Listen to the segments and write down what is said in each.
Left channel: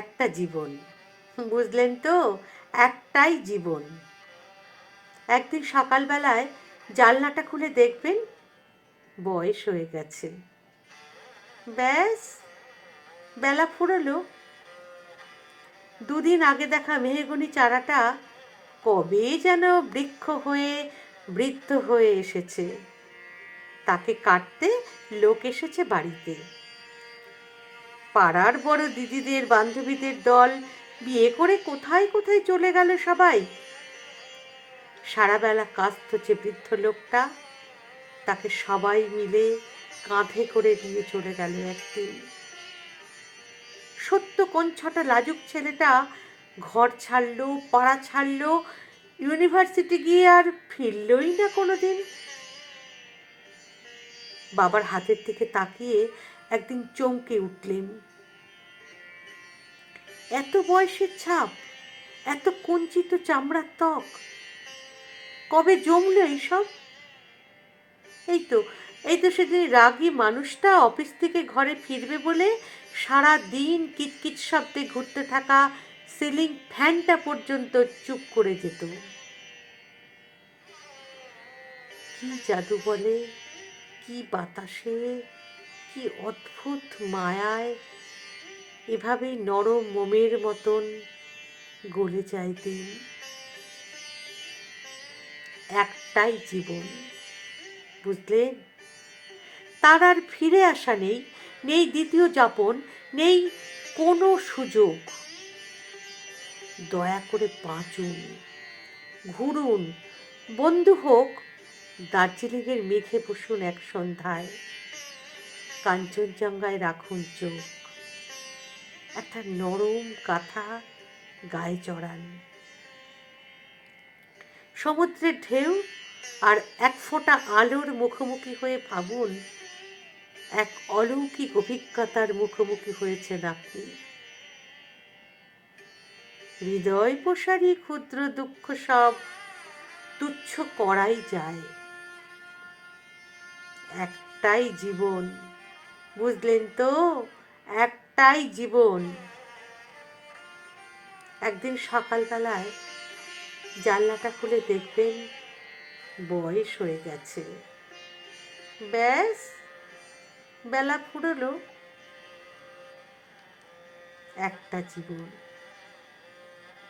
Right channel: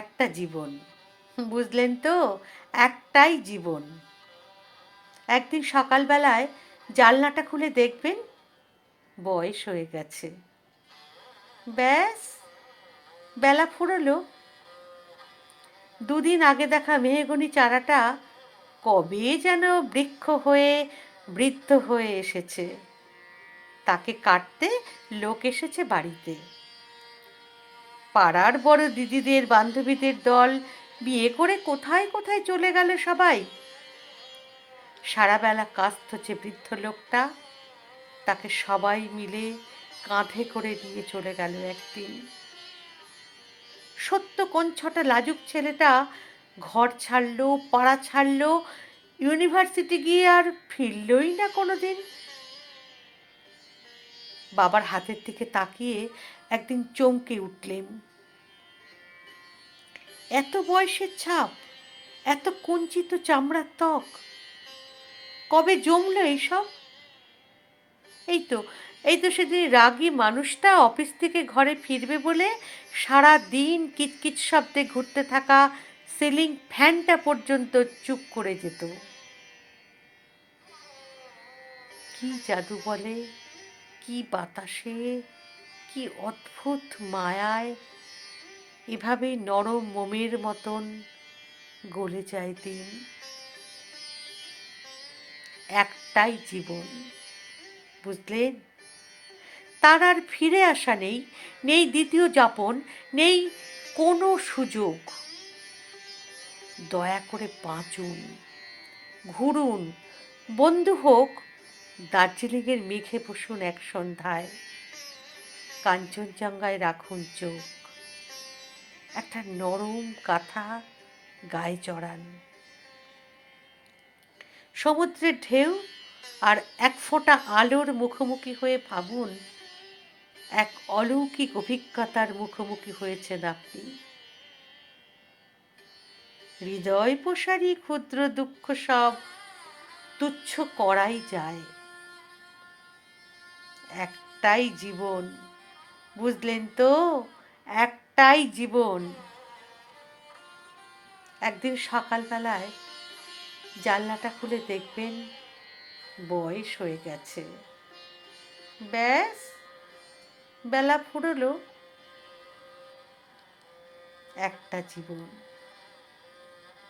একটা জীবন, বুঝলেন তো? একটাই জীবন। একদিন সকালবেলায় জানলাটা খুলে দেখবেন বয়স হয়ে গেছে। ব্যাস, বেলা ফুরোলো। দুদিন আগে দেখা মেহগনি চারাটা কবে যেন বৃক্ষ হয়ে বৃদ্ধ হয়ে এসেছে। তাকে কাটতে লোক এসেছে বাড়িতে। পাড়ার বড় দিদিদের বান্ধবীদের দল বিয়ে করে কোথায় কোথায় চলে গেল সবাই। সারাবেলা কাজ ধরছে বৃদ্ধ লোকটা, তাকে সবাই মিলে কাঁধে করে নিয়ে চলে গেল একদিন। সত্য কোন ছটা লাজুক ছেলেটা ঘর ছাড়লো, পাড়া ছাড়লো, ইউনিভার্সিটি গিয়ে আর ফিরলই না কোনোদিন। বাবার হাতের দিকে তাকিয়ে একদিন চমকে উঠলেন। এত বয়সের ছাপ, এত কুঞ্চিত চামড়ার ত্বক, কবে জমলো এইসব? এই তো এই তো সেদিন রাগী মানুষটা অফিস থেকে ঘরে ফিরবে বলে সারা দিন কিচকিচ শব্দে ঘুরতে থাকা সিলিং ফ্যানটা পর্যন্ত চুপ করে যেত। কি জাদু বলে, কি বাতাসে, কি অদ্ভুত মায়ায় এভাবেই নরম মোমের মতন গলে যায় দিন। একটাই জীবন, বুঝলেন? তার আর ফিরে আসা নেই, নেই দ্বিতীয় যাপন, নেই কোনো সুযোগ। দয়া করে বাঁচুন, ঘুরুন, বন্ধু হোক, দার্জিলিংয়ের মেঘে বসুন এক সন্ধ্যায়, কাঞ্চনজঙ্ঘায় রাখুন চোখ, একটা নরম কাঁথা গায়ে চড়ান। সমুদ্রের ঢেউ আর এক ফোঁটা আলোর মুখোমুখি হয়ে ভাবুন এক অলৌকিক অভিজ্ঞতার মুখোমুখি হয়েছেন আপনি। হৃদয় প্রসারী ক্ষুদ্র দুঃখ সব তুচ্ছ করাই যায়। একটাই জীবন, বুঝলেন তো? একটাই জীবন। একদিন সকালবেলায় জানলাটা খুলে দেখবেন বয়স হয়ে গেছে। ব্যাস, বেলা ফুরোলো। একটা জীবন,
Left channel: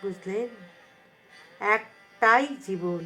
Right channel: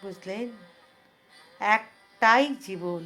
বুঝলেন? একটাই জীবন।